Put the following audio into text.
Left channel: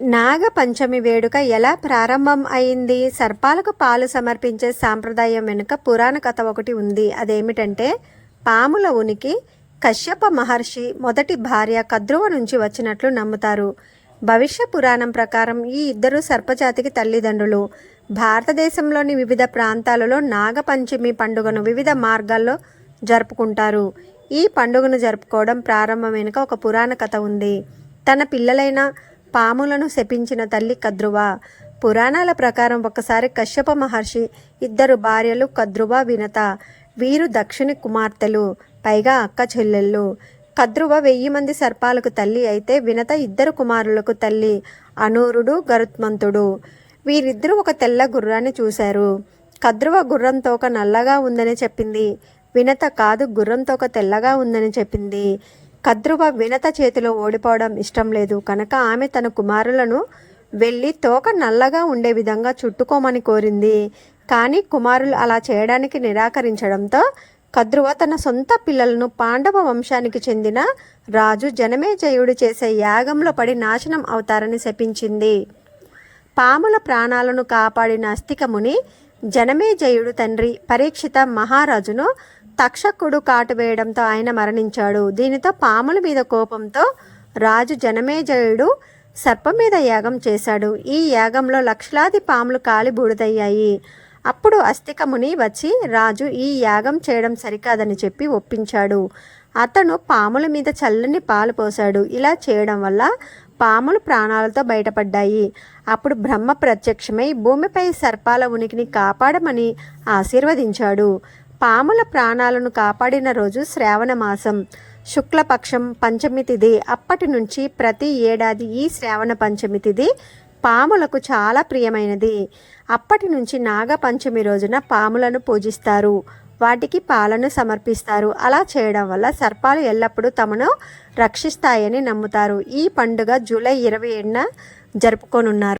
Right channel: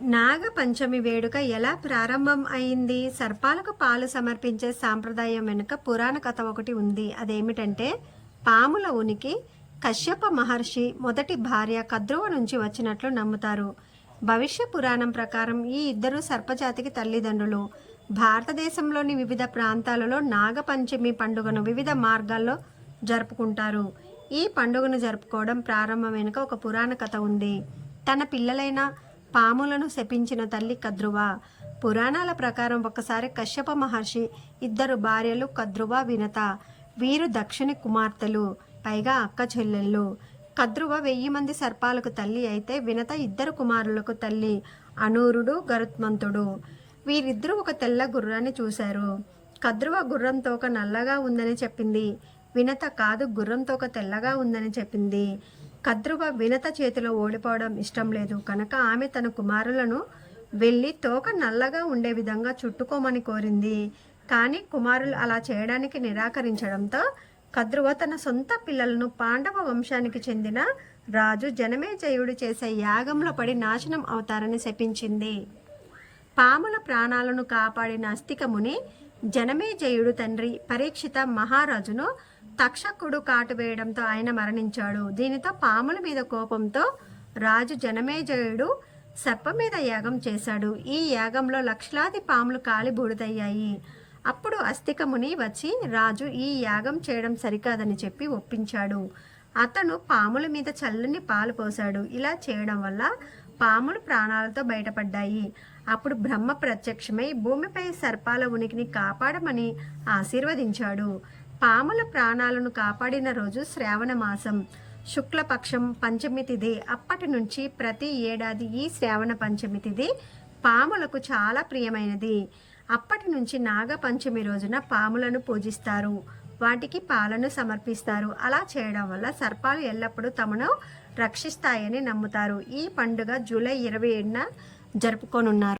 నాగపంచమి వేడుక ఎలా ప్రారంభం అయింది? సర్పాలకు పాలు సమర్పించే సాంప్రదాయం వెనుక పురాణ కథ ఒకటి ఉంది. అదేమిటంటే, పాముల ఉనికి కశ్యప మహర్షి మొదటి భార్య కద్రువ నుంచి వచ్చినట్లు నమ్ముతారు. భవిష్య పురాణం ప్రకారం ఈ ఇద్దరు సర్పజాతికి తల్లిదండ్రులు. భారతదేశంలోని వివిధ ప్రాంతాలలో నాగపంచమి పండుగను వివిధ మార్గాల్లో జరుపుకుంటారు. ఈ పండుగను జరుపుకోవడం ప్రారంభం వెనుక ఒక పురాణ కథ ఉంది. తన పిల్లలైన పాములను శపించిన తల్లి కద్రువ. పురాణాల ప్రకారం ఒకసారి కశ్యప మహర్షి ఇద్దరు భార్యలు కద్రువ, వినత. వీరు దక్షిణి కుమార్తెలు, పైగా అక్క చెల్లెళ్ళు. కద్రువ 1000 మంది సర్పాలకు తల్లి అయితే వినత 2 కుమారులకు తల్లి, అనూరుడు, గరుత్మంతుడు. వీరిద్దరూ ఒక తెల్ల గుర్రాన్ని చూశారు. కద్రువ గుర్రం తోక నల్లగా ఉందని చెప్పింది. వినత కాదు, గుర్రం తోక తెల్లగా ఉందని చెప్పింది. కద్రువ వినత చేతిలో ఓడిపోవడం ఇష్టం లేదు కనుక ఆమె తన కుమారులను వెళ్ళి తోక నల్లగా ఉండే విధంగా చుట్టుకోమని కోరింది. కానీ కుమారులు అలా చేయడానికి నిరాకరించడంతో కద్రువ తన సొంత పిల్లలను పాండవ వంశానికి చెందిన రాజు జనమేజయుడు చేసే యాగంలో పడి నాశనం అవుతారని శపించింది. పాముల ప్రాణాలను కాపాడిన అస్తికముని జనమేజయుడు తండ్రి పరీక్షిత మహారాజును తక్షకుడు కాటు వేయడంతో ఆయన మరణించాడు. దీనితో పాముల మీద కోపంతో రాజు జనమేజయుడు సర్పం మీద యాగం చేశాడు. ఈ యాగంలో లక్షలాది పాములు కాలి బూడిదయ్యాయి. అప్పుడు అస్తికముని వచ్చి రాజు ఈ యాగం చేయడం సరికాదని చెప్పి ఒప్పించాడు. అతను పాముల మీద చల్లని పాలు పోశాడు. ఇలా చేయడం వల్ల పాములు ప్రాణాలతో బయటపడ్డాయి. అప్పుడు బ్రహ్మ ప్రత్యక్షమై భూమిపై సర్పాల ఉనికిని కాపాడమని ఆశీర్వదించాడు. పాముల ప్రాణాలను కాపాడిన రోజు శ్రావణ మాసం శుక్లపక్షం పంచమి తిథి. అప్పటి నుంచి ప్రతి ఏడాది ఈ శ్రావణ పంచమి తిథి పాములకు చాలా ప్రియమైనది. అప్పటి నుంచి నాగపంచమి రోజున పాములను పూజిస్తారు, వాటికి పాలను సమర్పిస్తారు. అలా చేయడం వల్ల సర్పాలు ఎల్లప్పుడూ తమను రక్షిస్తాయని నమ్ముతారు. ఈ పండుగ జూలై 27న జరుపుకోనున్నారు.